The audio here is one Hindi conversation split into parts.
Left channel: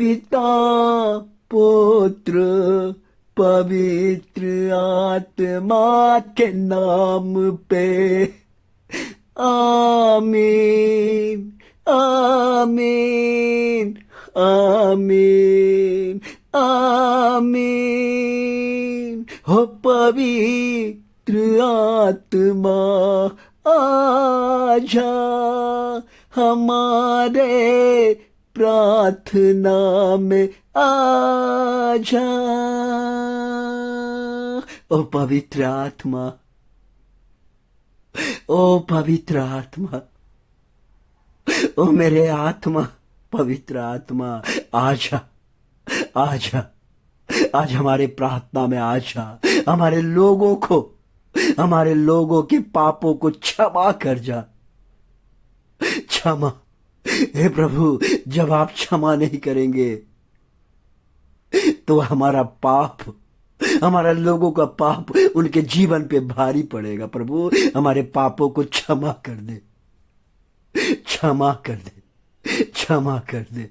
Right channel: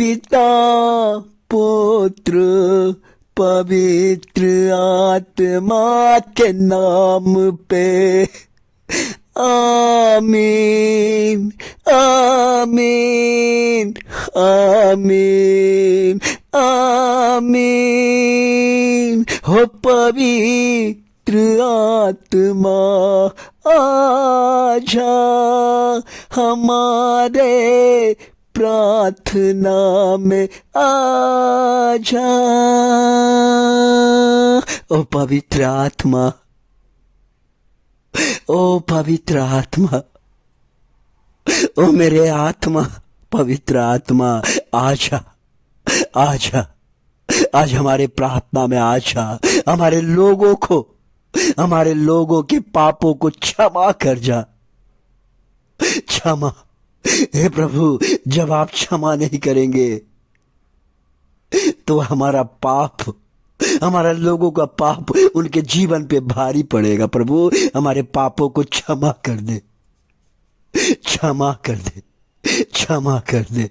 पिता पुत्र पवित्र आत्मा के नाम पे आमीन आमीन आमीन आमीन। हो पवित्र आत्मा आजा हमारे प्रार्थना में आजा। ओ पवित्र आत्मा, ओ पवित्र आत्मा, ओ मेरे आत्मा, पवित्र आत्मा आजा आजा। आज हमारे प्रार्थना में आजा। हमारे लोगों के पापों को क्षमा कर जा। क्षमा, हे प्रभु, जब आप क्षमा नहीं करेंगे तो हमारा लोगों का पाप उनके जीवन पे भारी पड़ेगा। प्रभु, हमारे पापों को क्षमा कर दे, क्षमा कर दे, क्षमा कर दे,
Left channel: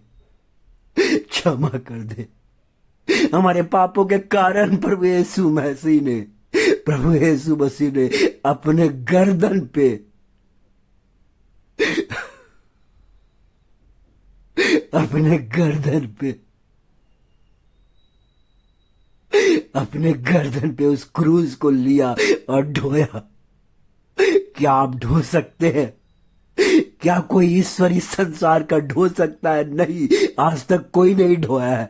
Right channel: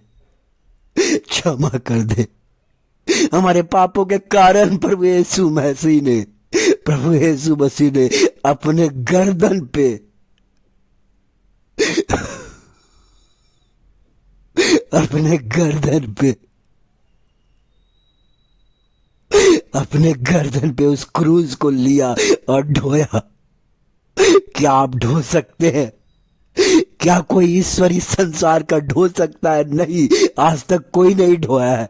क्षमा कर दे। हमारे पापों के कारण प्रभु यीशु मसीह ने अपने गर्दन पे उस क्रूज को लिया और ढोया। क्या आप ढो सकते हैं? क्या कोई ईश्वर इस संसार का ढो सकता है? नहीं, आज तक कोई नहीं ढोया है,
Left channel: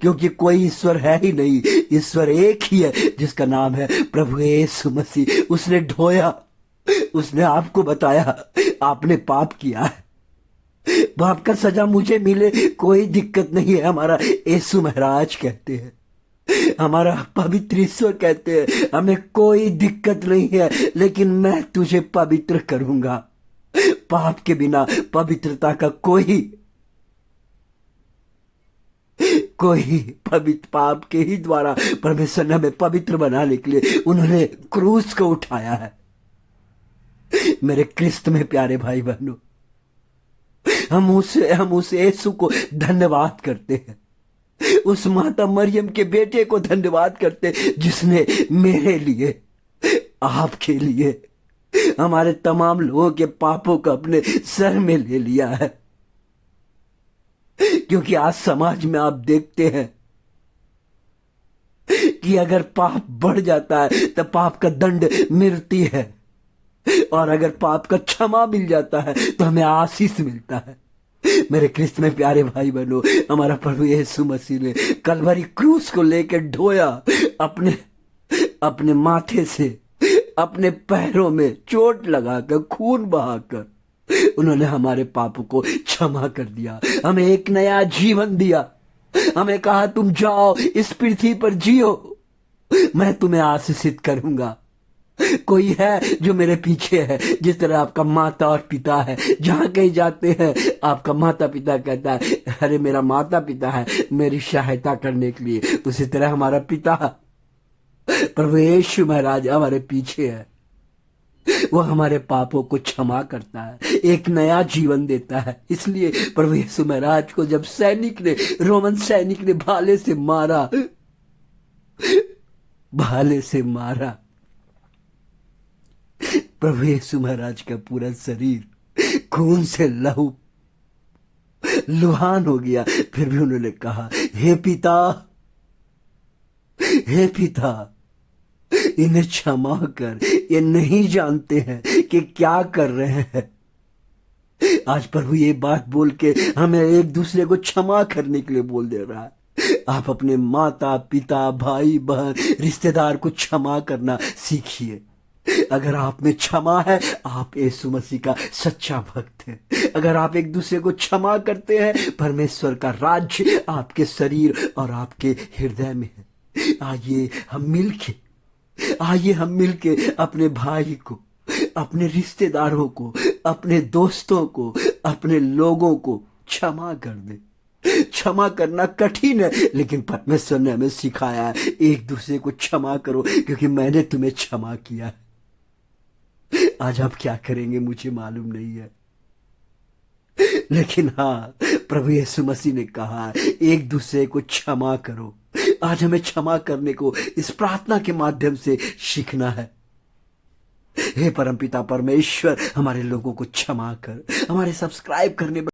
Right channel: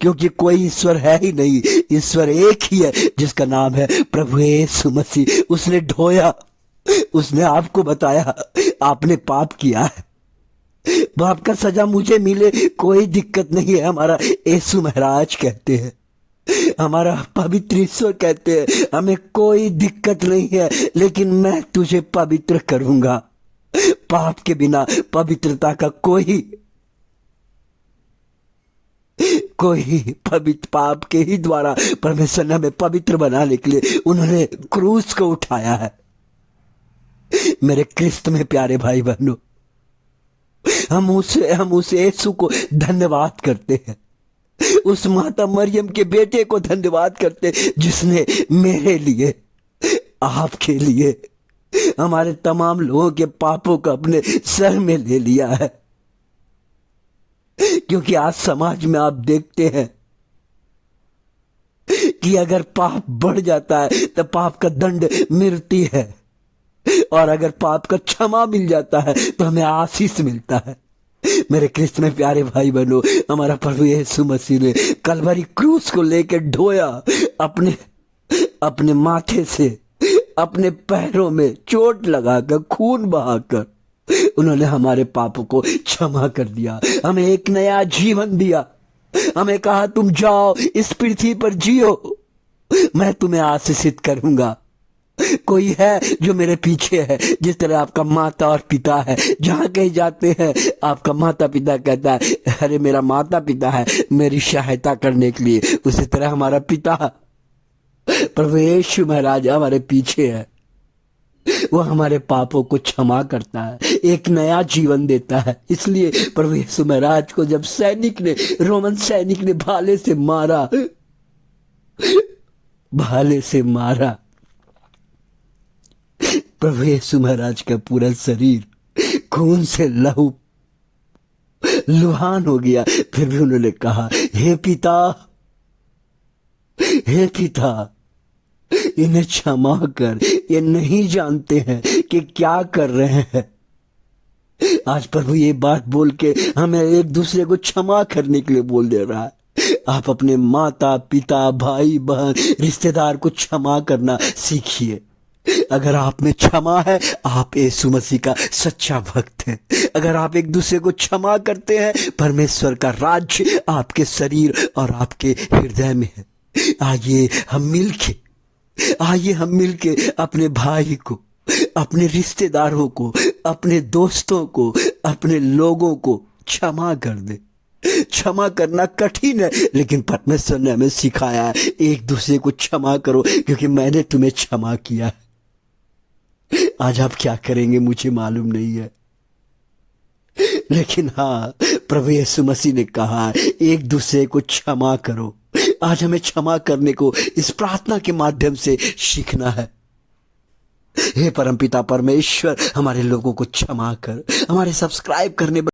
क्योंकि कोई ईश्वर है ही नहीं। ईश्वर एक ही है जिसका नाम है प्रभु यीशु मसीह। उसने ढोया, उसने आपको बताया आपने पाप किया है, पाप का सजा मुझे मिले कोई दिक्कत नहीं है। हमारा यीशु महाराज कहते हैं, हमारा पवित्र ईश्वर कहते हैं, हमें कोई दिक्कत नहीं है, लेकिन मैं तुझे पवित्र करूंगा। पाप के बिना पवित्रता का कोई पवित्र पाप के ही द्वारा परमेश्वर ने हमें पवित्र बनाने के लिए उन्होंने क्रूस को उठाया है। मेरे क्रिस्त में प्यारे भाई बहनों, हम उस यीशु को धन्यवाद करते हैं, उस माता मरियम के बेटे को धन्यवाद करते हैं, जिसने मेरे लिए, आपके लिए, हमारे तमाम लोगों के पापों को अपने सर में ले लिया है। क्योंकि आज समाज में आप देखते हैं कि अगर पाप बढ़ जाता है तो पाप का दंड मिलती है, और अगर पाप का क्षमा मिल जाता है तो हमें आशीष मिलता है। मेरे क्रिस्त में प्यारे भाई बहनों, हमारा प्रभु यीशु मसीह ने कलवरी क्रूस को लेकर ढोया, अपने माथे से, अपने पैरों में चोट लगाकर, खून बहाकर उन्होंने हमारे पापों को क्षमा कर दिया, हमें एक नया जीवन दिया। हमें कहा तुम जाओ इस पृथ्वी पर जियो, मैं तुम्हें आशीषित करूंगा। कोई है जो मेरे पीछे है, जिस तरह आपका माता और पिता है, जहां कहीं जाते हैं आपका माता पिता कहता है अरे मेरा माता पिता है मेरी सहायता करने के लिए, उसी तरह हमारा पिता प्रभु यीशु महाराज हमारे पीछे है। वो हमारे पापों को क्षमा करता है, एक नया जीवन देता है। इसलिए प्रभु यीशु महाराज को जब रोमन सैनिक ने भाले से मारा, प्रभु यीशु महाराज का पूरा शरीर खून से लुहान हो गया। फिर भी उन्होंने कहा हे पिता इन्हें क्षमा कर, ये नहीं जानते हैं कि क्या कर रहे हैं। आज प्रभु ये बात बोल के हमें एक दूसरे को क्षमा करने के लिए बोल दे रहा है। आप अपने माता पिता भाई बहन रिश्तेदार को क्षमा करना सीखिए। अगर आप में क्षमा है, आप यीशु मसीह का सच्चा भक्त हैं। अगर आप एक दूसरे को क्षमा करते हैं, परमेश्वर का राज्य आपके शरीर और आपके हृदय में है। आइए हम मिलके अपने भाई को, अपने रिश्तेदारों को, अपने दोस्तों को, अपने लोगों को क्षमा कर दे। क्षमा करना कठिन है, लेकिन परमेश्वर ने हमें सिखाया है एक दूसरे को क्षमा करो, क्योंकि मैंने तुम्हें क्षमा किया है। आज आप क्या करेंगे मुझे मालूम नहीं है, लेकिन हाँ, प्रभु यीशु मसीह ने कहा है, एक दूसरे को क्षमा करो। आज हमें क्षमा करने को इस प्रार्थना के माध्यम से सीखना है। हे परमपिता परमेश्वर, हमारे लोगों को क्षमा कर। हमारे सब्सक्राइब करने